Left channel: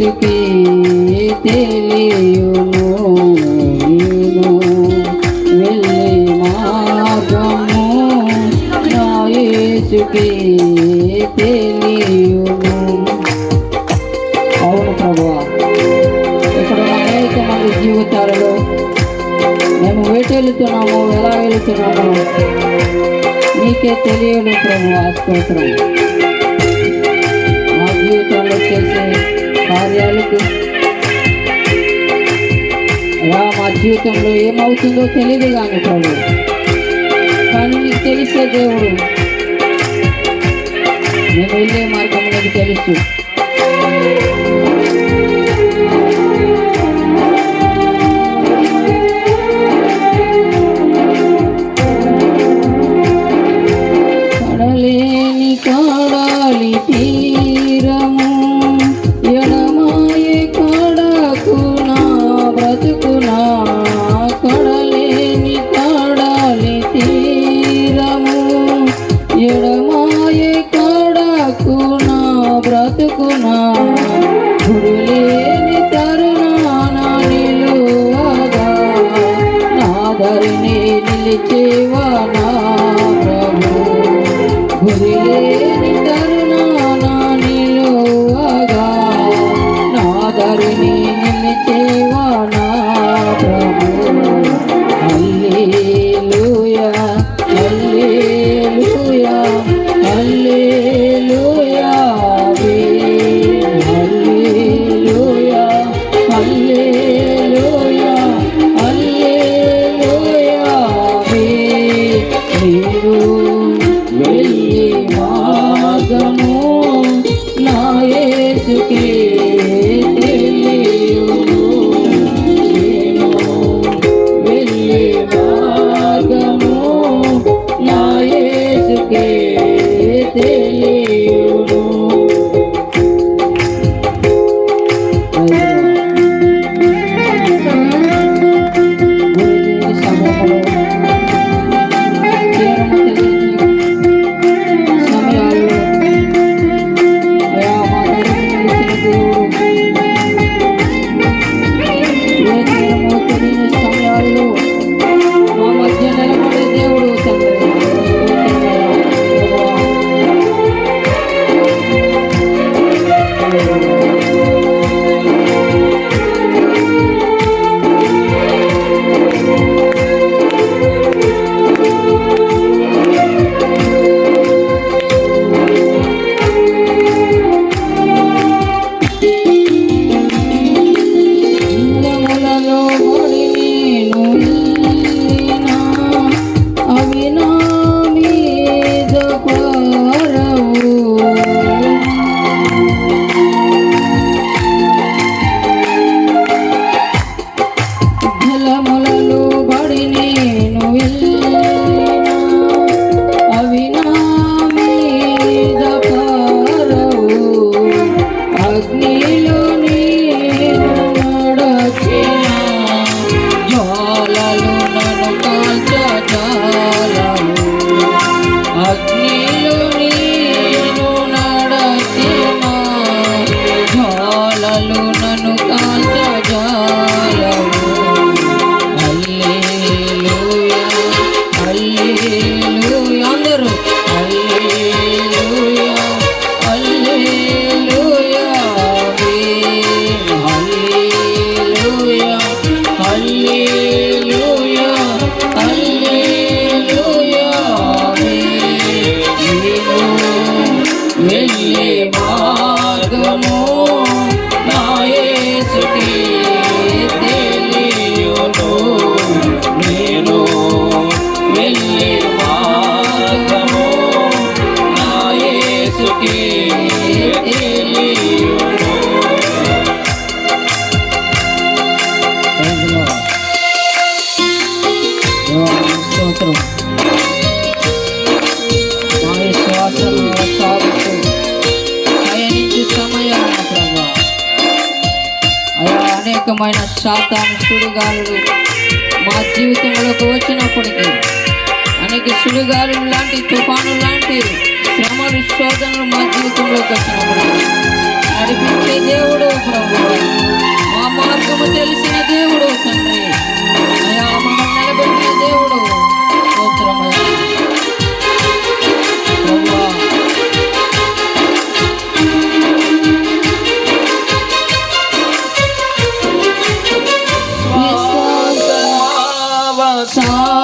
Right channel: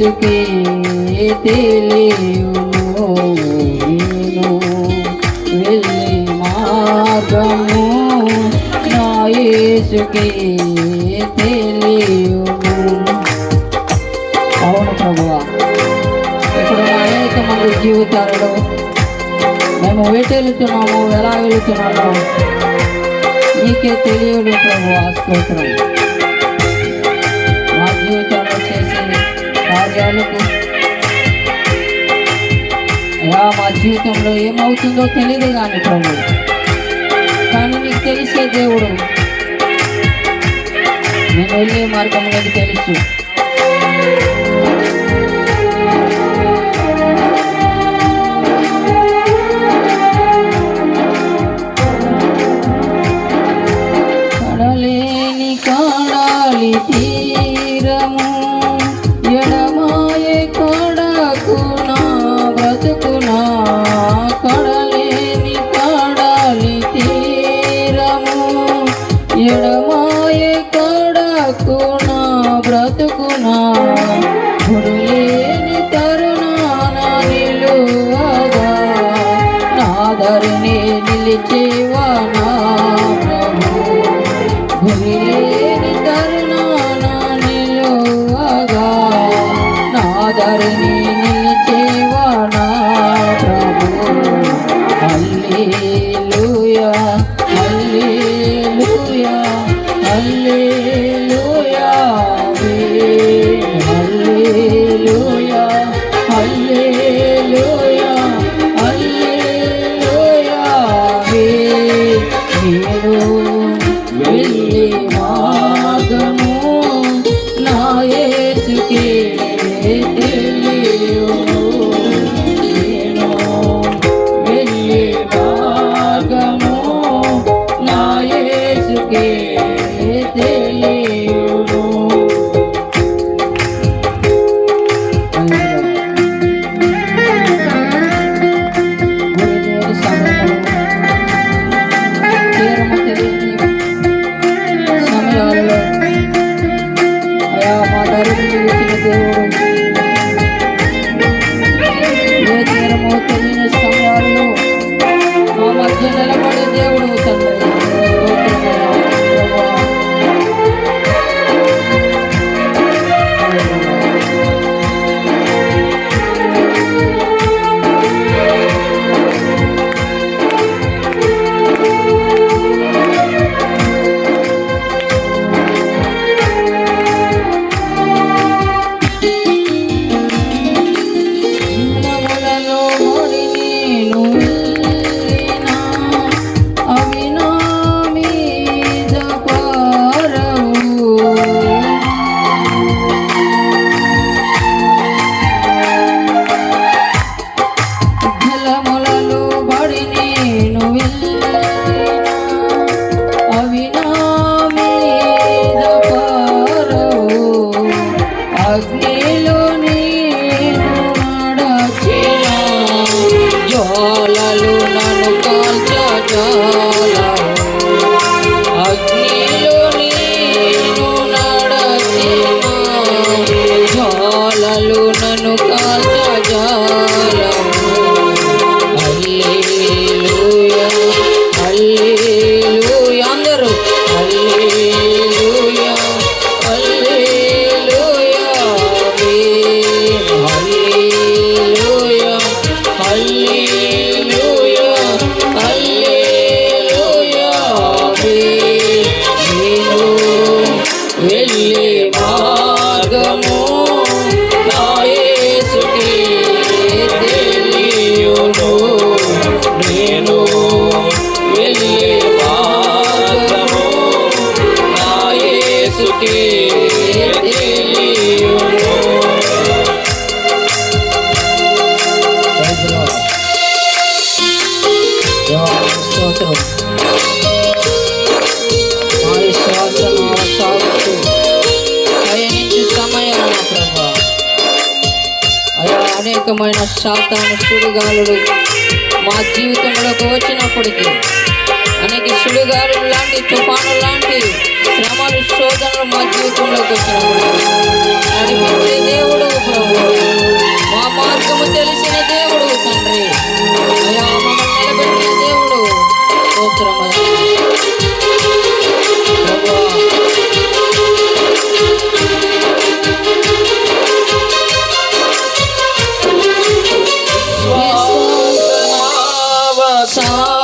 उसकी तेरी జీవితాలలో మేము వేట వెళుతున్నాము ఎలా వెళుతున్నాము నీకే తెలియని ప్రభు స్తోత్రం జీవితంలో ఏమవుతుందో తెలియదు కానీ ప్రభు కానీ నీకు తెలిసే దేవుడు మేము వెళ్ళే మార్గం నాకు తెలుసు ఎడమాయ కాడకు రకమైన శాతాను సుడిగాలుడు మా జీవితంలోకి వచ్చినప్పటికీ అనేక సుడిగాలు లాంటి తుఫాను లాంటి శ్రమలు శోధనలు మా జీవితంలోకి వచ్చినప్పుడు నడిపించే దేవుడు ప్రభు. మా మార్గము తెలిసిన దేవుడు తండ్రి. అయా 走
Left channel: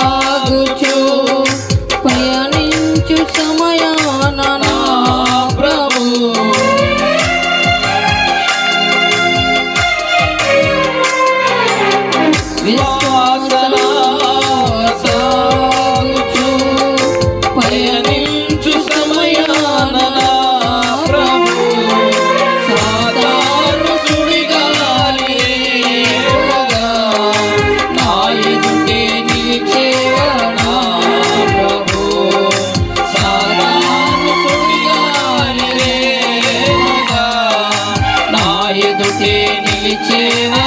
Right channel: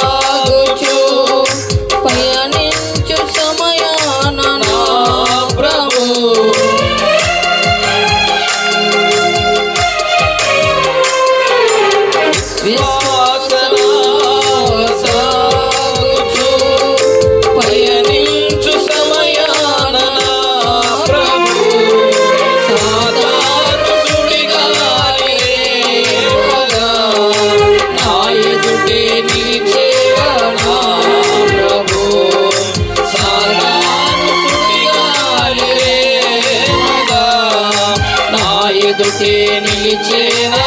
Chile.